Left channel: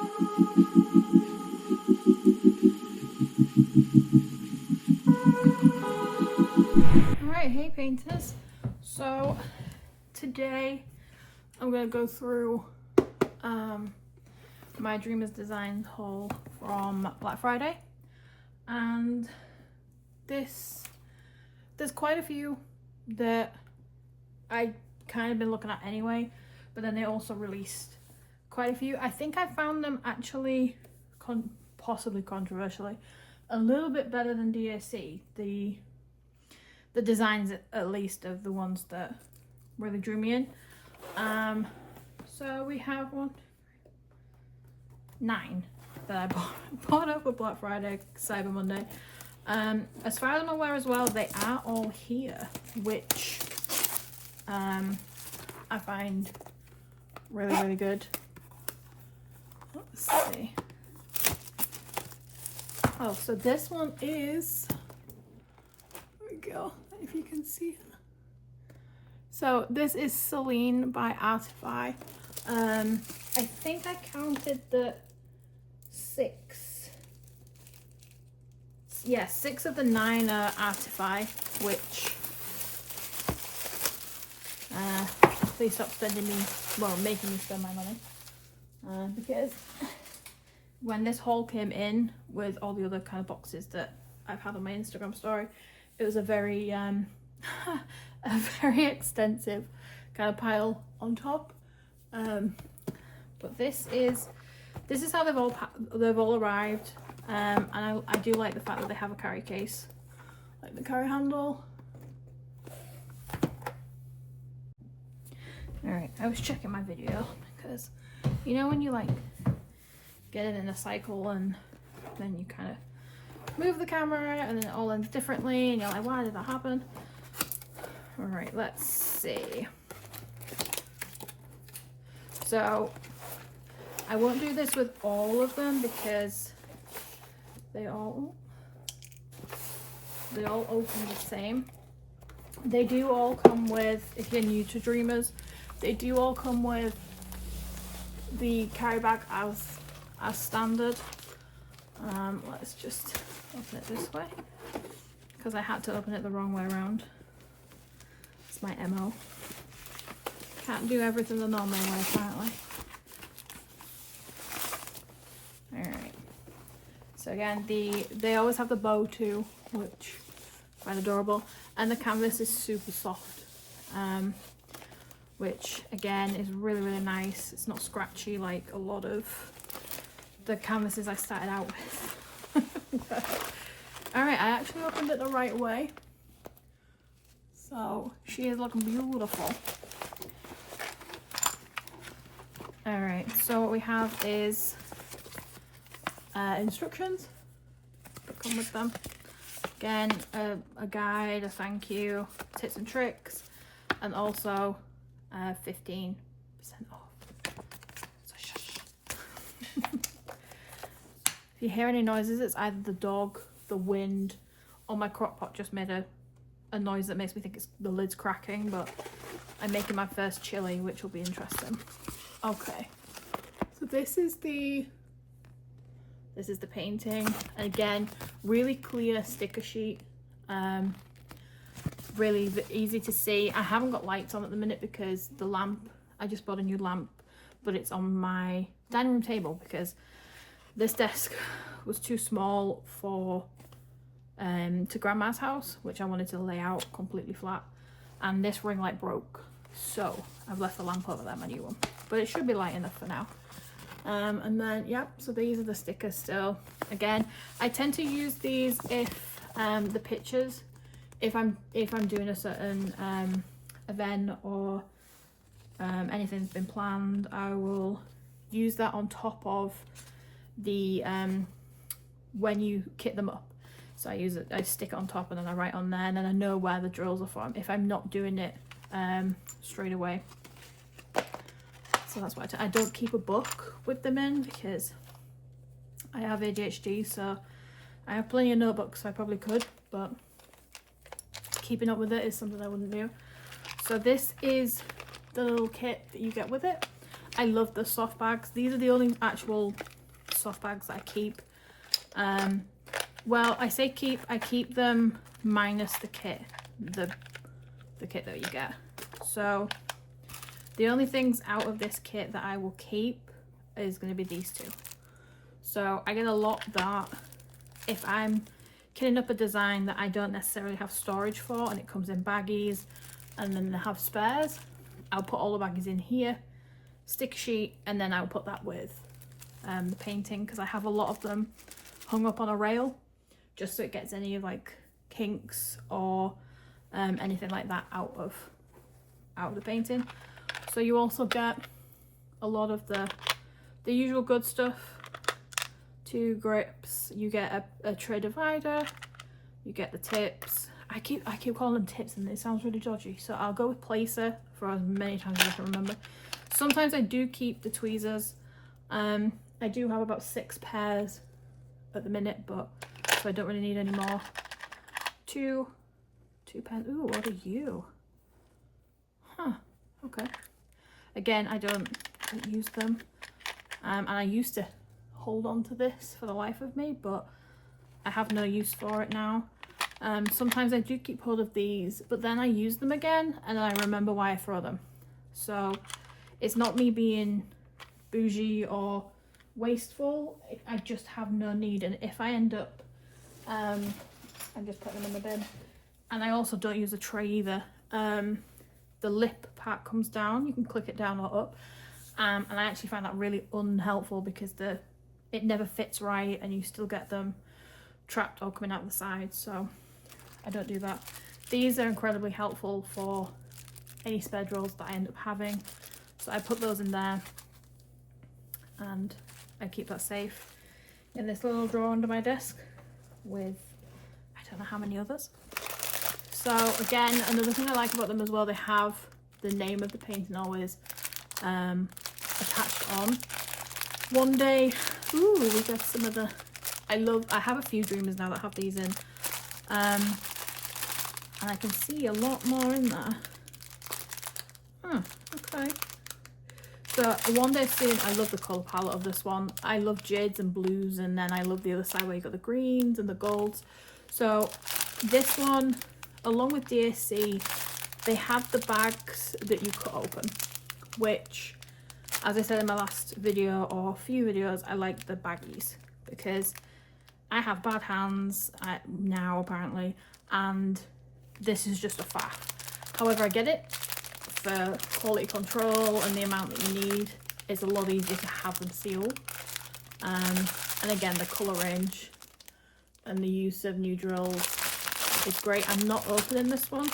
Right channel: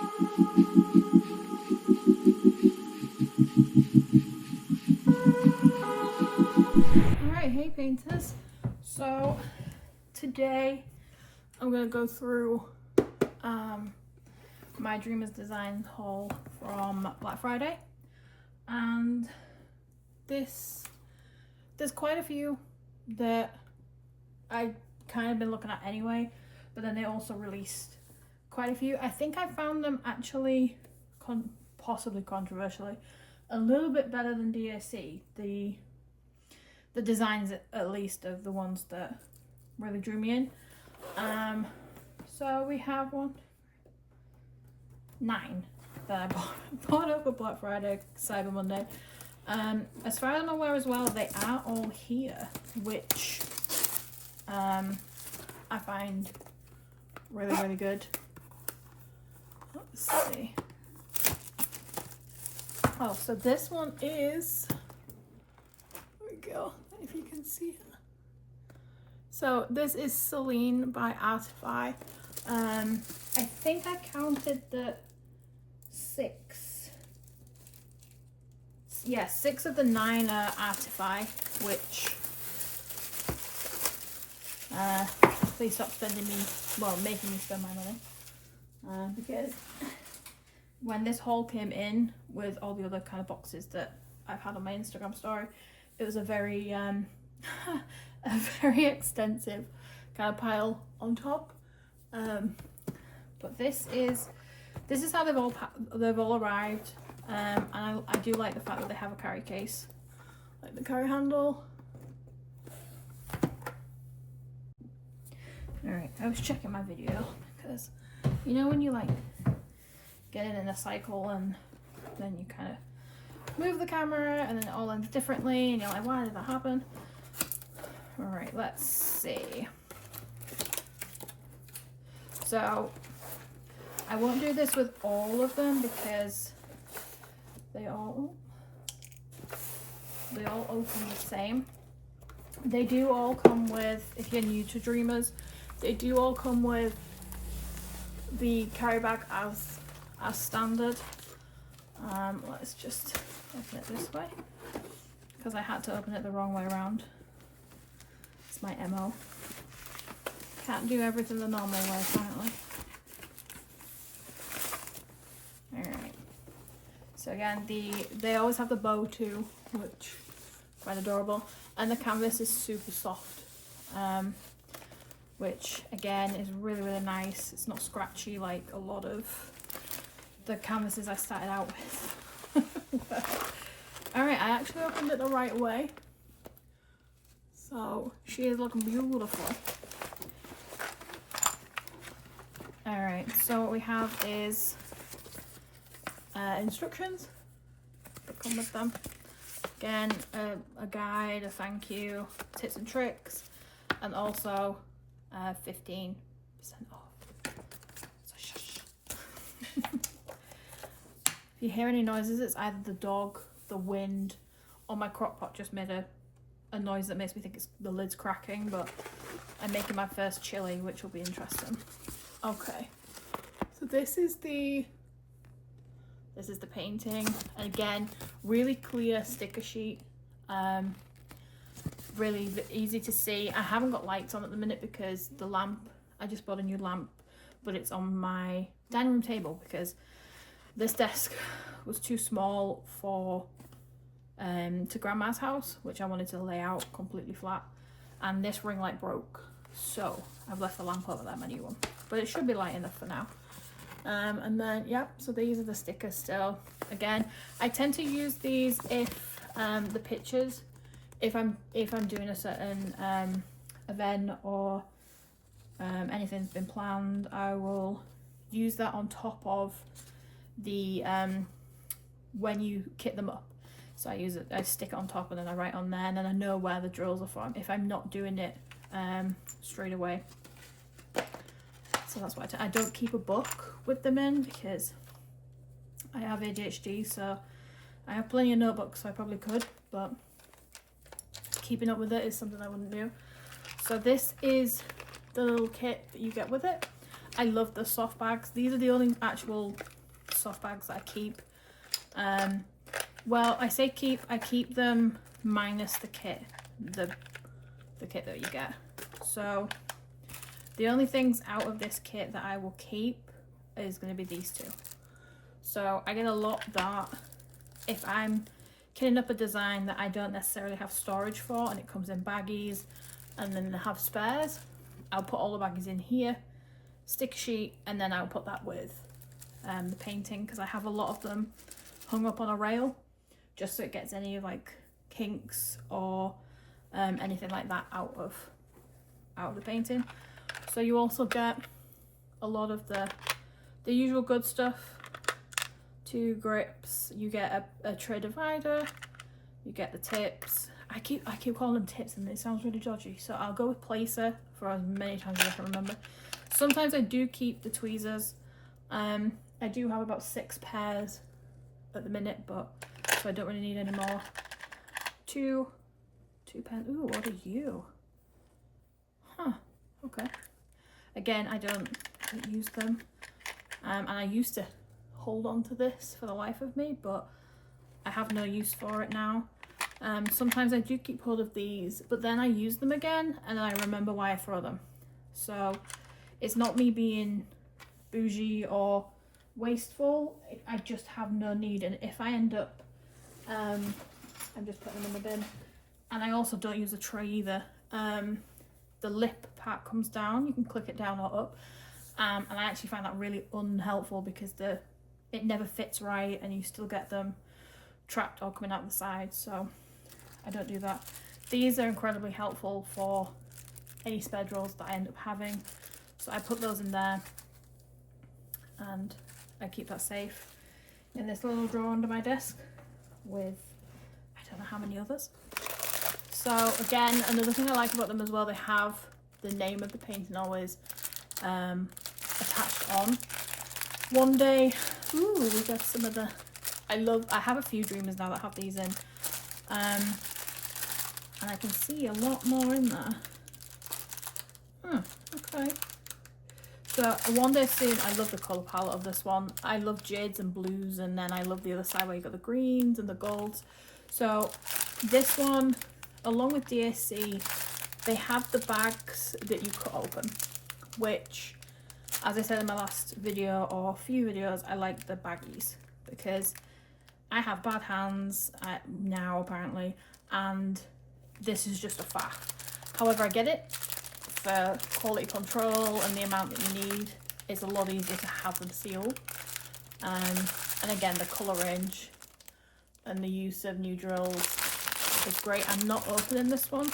Alright, hey painters. So today I'm going to go through my Dreamers Designs haul from Black Friday, and there's quite a few that I kind of been looking at anyway, but then they also released quite a few. I think I found them actually possibly controversially a little bit better than DSC. The designs, at least, of the ones that really drew me in. So we have 9 that I bought up for Black Friday, Cyber Monday. As far as I'm aware as well, they are all here, which I find really good. Let's see. Oh, so this one is, there we go, if you can see it. So this is Celine by Artify. I think I counted the 6. Yeah, 6 of the 9 are Artify, which please stop spending me, well, making me spend my money. Because when this haul came in with all the other kind of boxes that I've had on my Instagram story, it was a very a very extensive kind of pile on top. But this is how they've all arrived, and I do like the fact that they have a carry case, like the carry handle. Alright, I was checking my video because, you know, when you like get it in a cycle and then you kind of move the camera and then it all ends differently and you're like, why did that happen? Alright, let's see. So I won't do this with all of them because they all open the same. They do all come with, if you're new to Dreamers, they do all come with the carry bag as standard. Let's just open it this way because I had to open it the wrong way around. It's my MO. Can't do everything the normal way, apparently. Alright. So again, they always have the bow too, which is quite adorable. And the canvas is super soft. Which again is really nice. It's not scratchy like a lot of the canvases I started out with. Alright, I actually opened it the right way. So she is looking beautiful. Alright, so what we have is instructions that come with them. Again, a guide, a thank you, tips and tricks, and also 15% off. So shush. If you hear any noises, it's either the dog, the wind, or my crock pot just made a noise that makes me think it's the lid's cracking, but I'm making my first chili, which will be interesting. Okay, so this is the painting, and again, really clear sticker sheet. Really easy to see. I haven't got lights on at the minute because the lamp, I just bought a new lamp, but it's on my dining room table because this desk was too small for to Grandma's house, which I wanted to lay out completely flat, and this ring light broke, so I've left the lamp over there, my new one, but it should be light enough for now. And then so these are the stickers still. Again, I tend to use these if the pictures, if I'm doing a certain event or anything's been planned, I will use that on top of the when you kit them up. So I stick it on top and then I write on there, and then I know where the drills are from if I'm not doing it straight away. So that's why I don't keep a book with them in because I have ADHD, so I have plenty of notebooks, so I probably could, but keeping up with it is something I wouldn't do. So this is the little kit that you get with it. I love the soft bags. These are the only actual soft bags that I keep. Well, I say keep, I keep them minus the kit, the kit that you get. So the only things out of this kit that I will keep is going to be these two. So I get a lot that if I'm kitting up a design that I don't necessarily have storage for and it comes in baggies and then I have spares, I'll put all the baggies in here, stick sheet, and then I'll put that with the painting, because I have a lot of them hung up on a rail just so it gets any like kinks or anything like that out of the painting. So you also get a lot of the usual good stuff. 2 grips, you get a tray divider, you get the tips. I keep calling them tips and it sounds really dodgy, so I'll go with placer for as many times as I can remember. Sometimes I do keep the tweezers. I do have about 6 pairs at the minute, but so I don't really need any more. 2 pairs. Ooh, what are you? Huh, okay. Again, I don't use them, and I used to hold on to this for the life of me, but I have no use for it now. Sometimes I do keep hold of these, but then I use them again and then I remember why I throw them. So it's not me being bougie or wasteful, I just have no need. And if I end up I'm just putting them in the bin, and I also don't use a tray either. The lip part comes down, you can click it down or up, and I actually find that really unhelpful because it never fits right and you still get them trapped or coming out the side, so I don't do that. These are incredibly helpful for any spare drills that I end up having, so I put those in there and I keep that safe in this little drawer under my desk with I don't know how many others. So again, another thing I like about them as well, they have the name of the painting always attached on. One day, ooh, we got some of the, I have a few Dreamers now that have these in, and I can see a lot more in there. Okay. So one day soon, I love the colour palette of this one. I love jades and blues, and then I love the other side where you got the greens and the golds. So this one, along with DSC, they have the bags that you cut open, which, as I said in my last video or a few videos, I like the baggies because I have bad hands now apparently, and this is just a faff. However, I get it for quality control and the amount that you need. It's a lot easier to have them sealed. And again, the colour range and the use of new drills is great. I'm not opening this one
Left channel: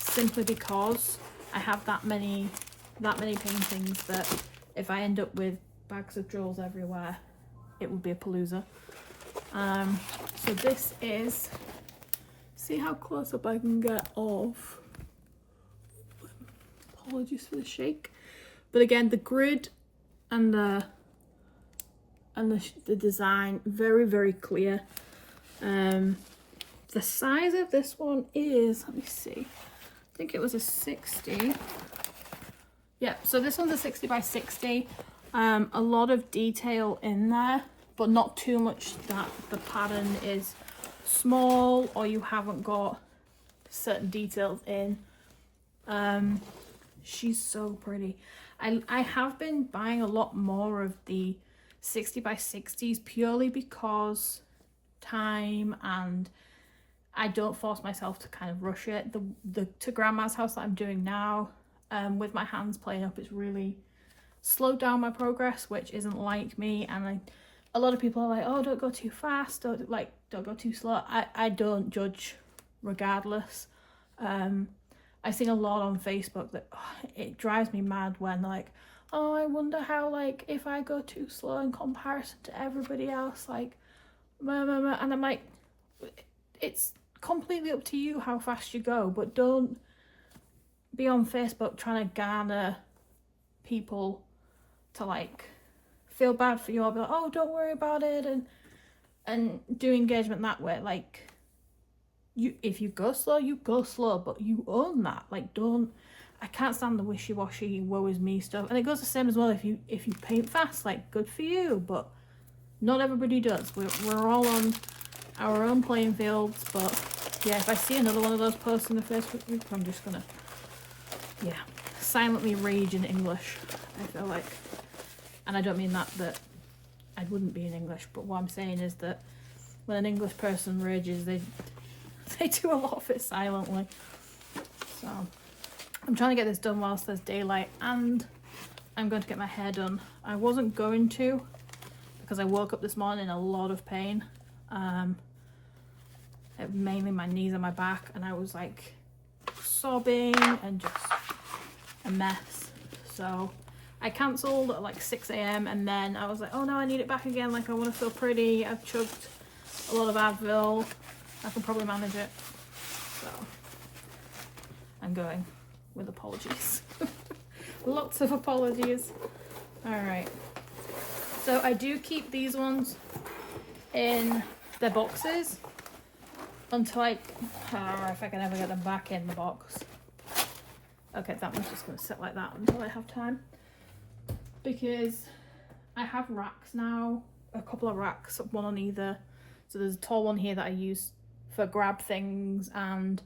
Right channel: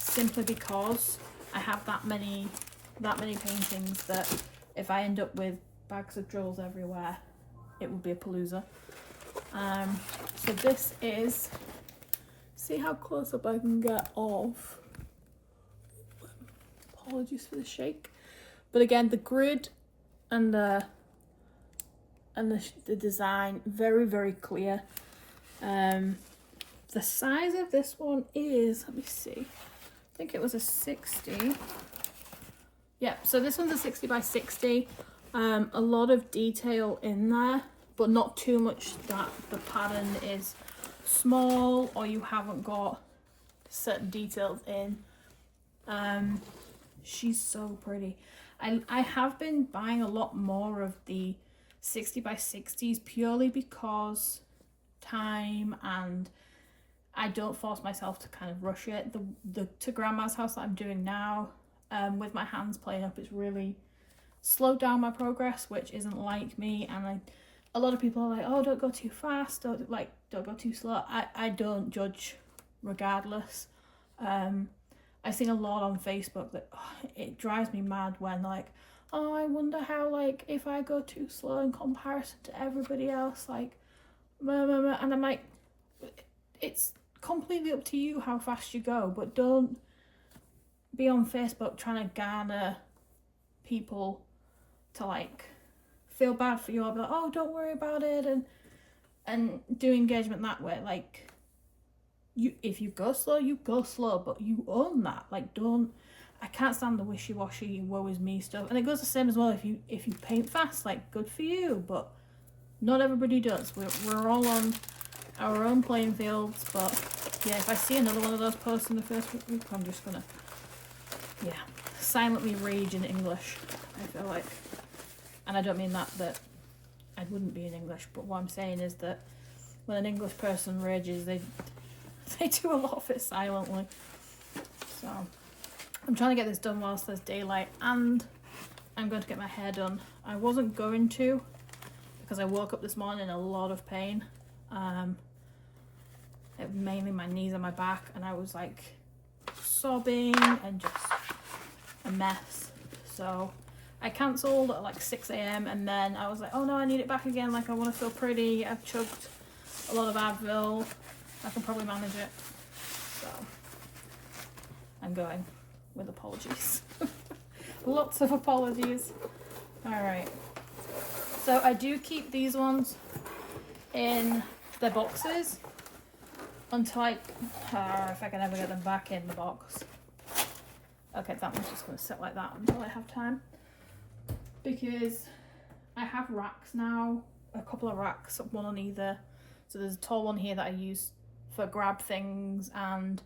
simply because I have that many paintings that if I end up with bags of drills everywhere, it would be a palooza. So this is, see how close up I can get of, apologies for the shake, but again, the grid and the design, very, very clear. The size of this one is, let me see, I think it was a 60. Yeah, so this one's a 60 by 60. A lot of detail in there, but not too much that the pattern is small or you haven't got certain details in. She's so pretty. I have been buying a lot more of the 60 by 60s purely because time, and I don't force myself to kind of rush it. The to grandma's house that I'm doing now, with my hands playing up, it's really slowed down my progress, which isn't like me. And a lot of people are like, oh, don't go too fast, don't go too slow. I don't judge regardless. I see a lot on Facebook that it drives me mad when like, oh, I wonder how, like, if I go too slow in comparison to everybody else, like, and I'm like, it's completely up to you how fast you go, but don't be on Facebook trying to garner people to like feel bad for you or be like, oh, don't worry about it, and do engagement that way. Like, if you go slow, you go slow, but you own that. Like, don't, I can't stand the wishy-washy woe is me stuff. And it goes the same as well if you paint fast, like, good for you, but not everybody does. We're all on our own playing fields. But yeah, if I see another one of those posts in the Facebook group, I'm just gonna, yeah, silently rage in English, I feel like. And I don't mean that I wouldn't be in English, but what I'm saying is that when an English person rages, they do a lot of it silently. So I'm trying to get this done whilst there's daylight, and I'm going to get my hair done. I wasn't going to, because I woke up this morning in a lot of pain. Mainly my knees and my back, and I was like sobbing and just a mess. So I cancelled at like 6 a.m. and then I was like, oh no, I need it back again. Like, I want to feel pretty. I've chugged a lot of Advil. I can probably manage it. So I'm going with apologies. Lots of apologies. Alright. So I do keep these ones in their boxes until if I can ever get them back in the box. Okay, that one's just going to sit like that until I have time. Because I have racks now, a couple of racks, one on either. So there's a tall one here that I use for grab things and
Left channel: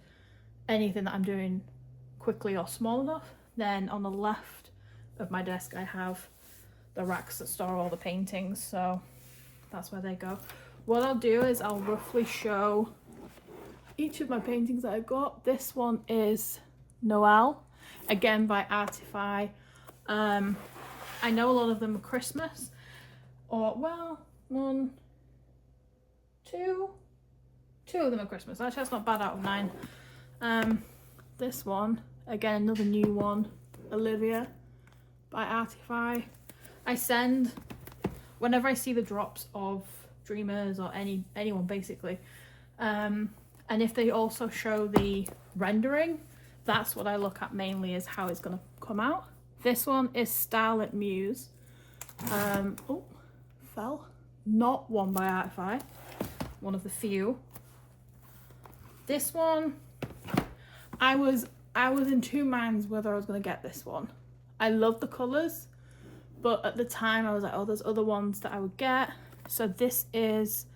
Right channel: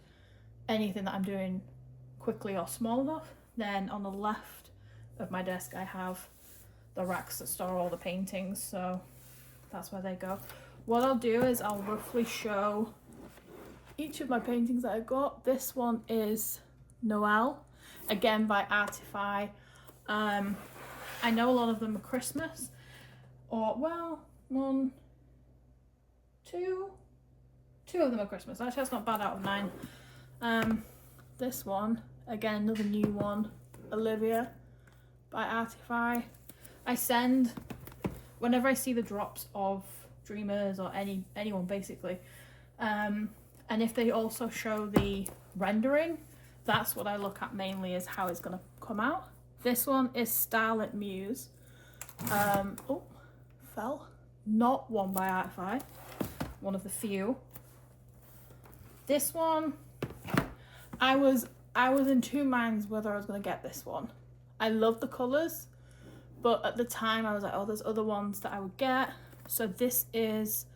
anything that I'm doing quickly or small enough. Then on the left of my desk I have the racks that store all the paintings, so that's where they go. What I'll do is I'll roughly show each of my paintings that I've got. This one is Noel, again by Artify. I know a lot of them are Christmas, or well, two of them are Christmas. Actually, that's not bad out of 9. This one, again, another new one, Olivia by Artify. I send, whenever I see the drops of Dreamers or anyone basically, and if they also show the rendering, that's what I look at mainly, is how it's going to come out. This one is Starlit Muse. Oh, fell. Not one by Artify. One of the few. This one, I was in two minds whether I was going to get this one. I love the colours, but at the time I was like, oh, there's other ones that I would get. So this is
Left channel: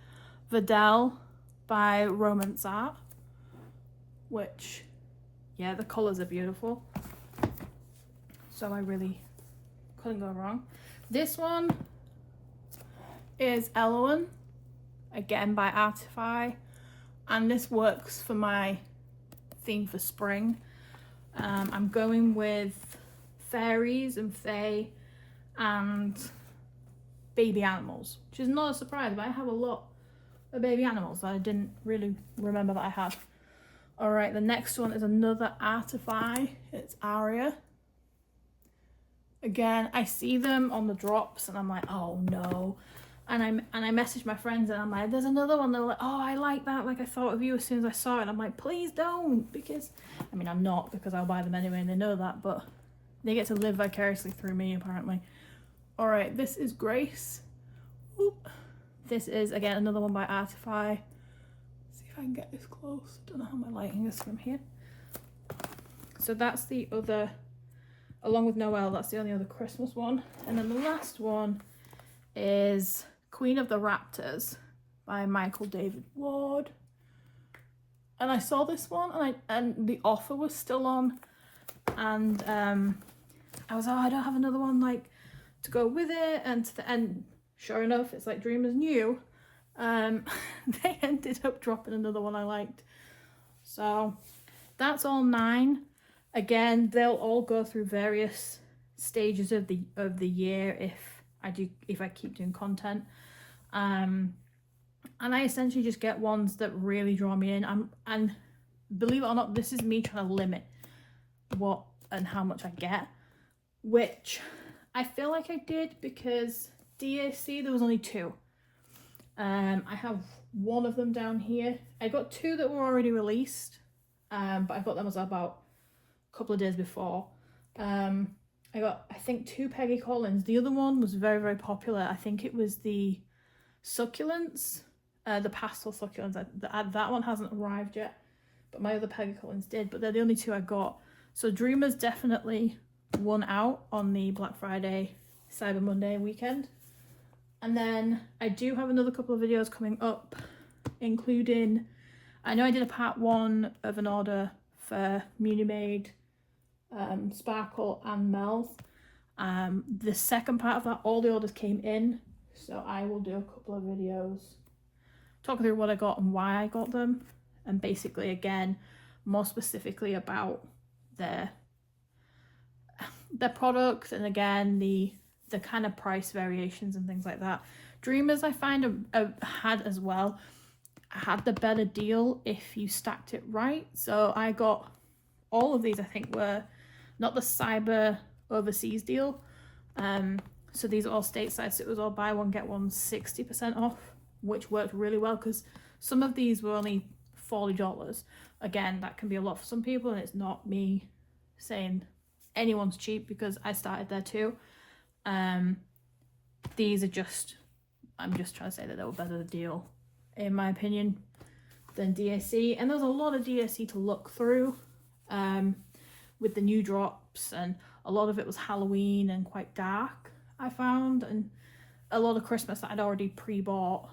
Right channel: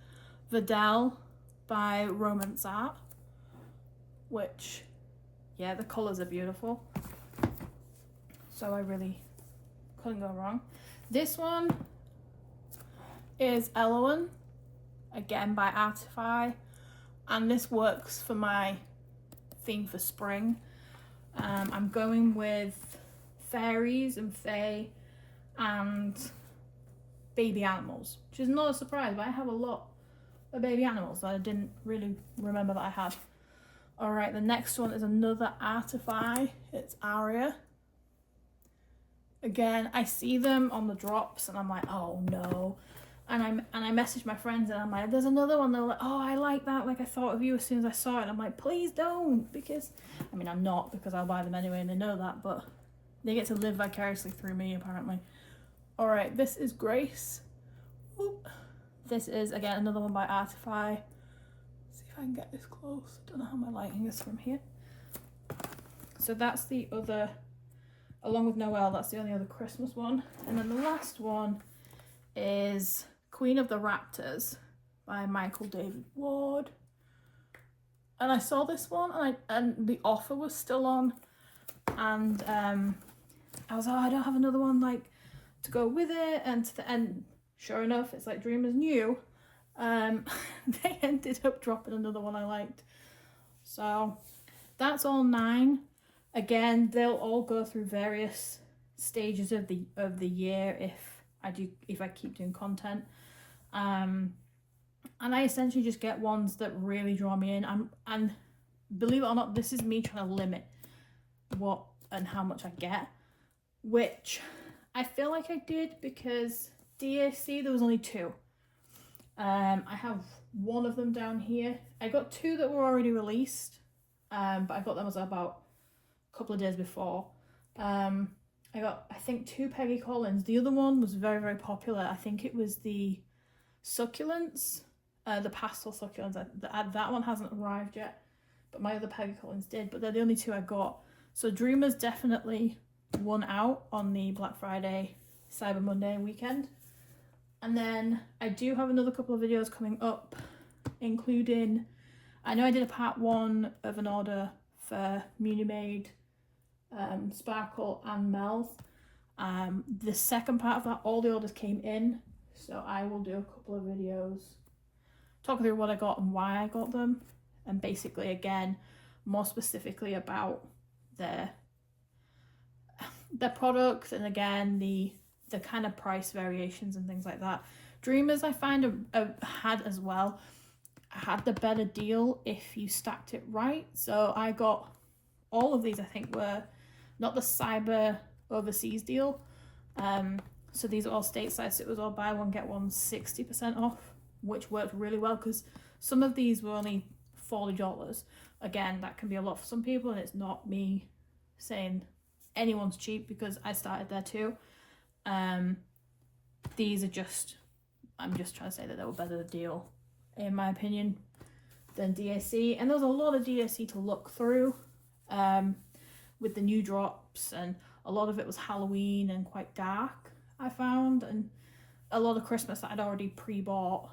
Vidal by Romance Art, which, yeah, the colours are beautiful. So I really couldn't go wrong. This one is Elowen, again by Artify, and this works for my theme for spring. I'm going with fairies and fae and baby animals, which is not a surprise, but I have a lot of baby animals that I didn't really remember that I had. Alright, the next one is another Artify. It's Aria. Again, I see them on the drops and I'm like, oh no. And I message my friends and I'm like, there's another one. They're like, oh, I like that. Like, I thought of you as soon as I saw it. And I'm like, please don't, because, I mean, I'm not, because I'll buy them anyway and they know that, but they get to live vicariously through me, apparently. All right, this is Grace. Oop. This is, again, another one by Artify. Let's see if I can get this close. I don't know how my lighting is from here. So that's the other, along with Noel, that's the only other Christmas one. And then the last one is Queen of the Raptors by Michael David Ward. And I saw this one and the offer was still on, and I was like, oh, I don't have another one like to go with it, and sure enough, it's like Dreamers new. They ended up dropping another one I liked. So that's all 9. Again, they'll all go through various stages of the year if I keep doing content. And I essentially just get ones that really draw me in. And believe it or not, this is me trying to limit what and how much I get, which I feel like I did, because DAC there was only 2. I have one of them down here. I got 2 that were already released, but I got them as about a couple of days before. I got, I think, 2 Peggy Collins. The other one was very, very popular. I think it was the Succulents, the pastel succulents. That one hasn't arrived yet, but my other Peggy Collins did. But they're the only 2 I got. So Dreamers definitely won out on the Black Friday, Cyber Monday weekend. And then I do have another couple of videos coming up, including, I know I did a part 1 of an order for Munimade, Sparkle and Mel. The second part of that, all the orders came in, so I will do a couple of videos talking through what I got and why I got them, and basically again more specifically about their products, and again the kind of price variations and things like that. Dreamers I find had as well, had the better deal if you stacked it right. So I got all of these, I think were not the Cyber overseas deal, so these are all stateside, so it was all buy one get one 60% off, which worked really well because some of these were only $40. Again, that can be a lot for some people, and it's not me saying anyone's cheap because I started there too. These are just, I'm just trying to say that they were better deal in my opinion than DSC, and there's a lot of DSC to look through with the new drops, and a lot of it was Halloween and quite dark I found, and a lot of Christmas that I'd already pre-bought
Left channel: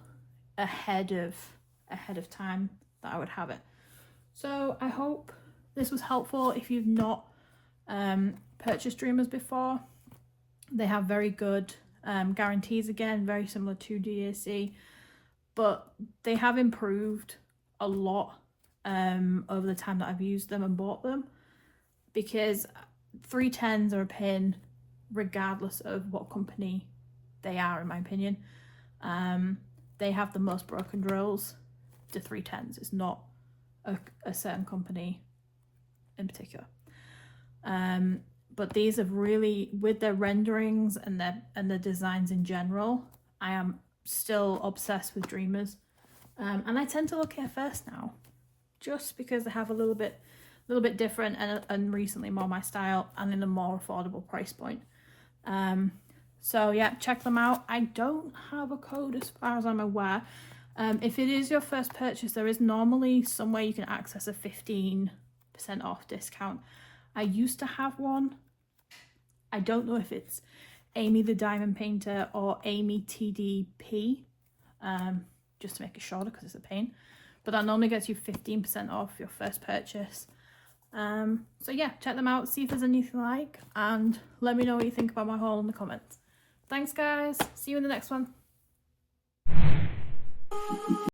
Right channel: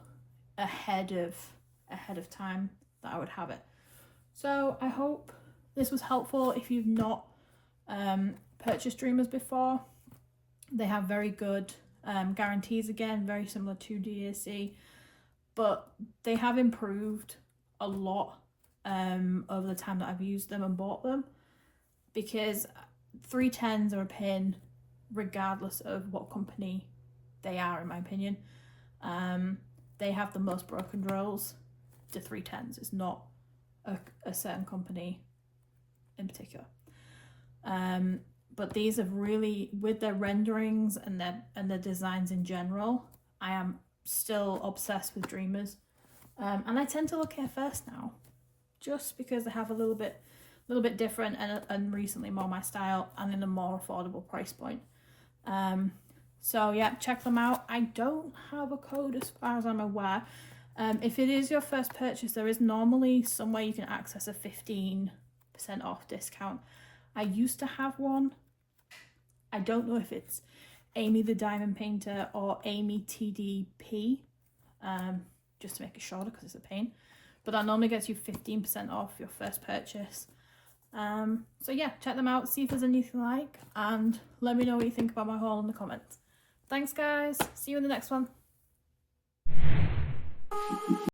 ahead of time that I would have it. So I hope this was helpful if you've not purchased Dreamers before. They have very good guarantees, again very similar to DAC, but they have improved a lot over the time that I've used them and bought them, because 310s are a pain regardless of what company they are, in my opinion. They have the most broken drills to 310s. It's not a certain company in particular. But these have really, with their renderings and their designs in general, I am still obsessed with Dreamers. And I tend to look at first now, just because they have a little bit different and recently more my style and in a more affordable price point. So yeah, check them out. I don't have a code as far as I'm aware. If it is your first purchase, there is normally somewhere you can access a 15% off discount. I used to have one. I don't know if it's Amy the Diamond Painter or Amy TDP, just to make it shorter because it's a pain. But that normally gets you 15% off your first purchase. So yeah, check them out, see if there's anything you like, and let me know what you think about my haul in the comments. Thanks guys, see you in the next one.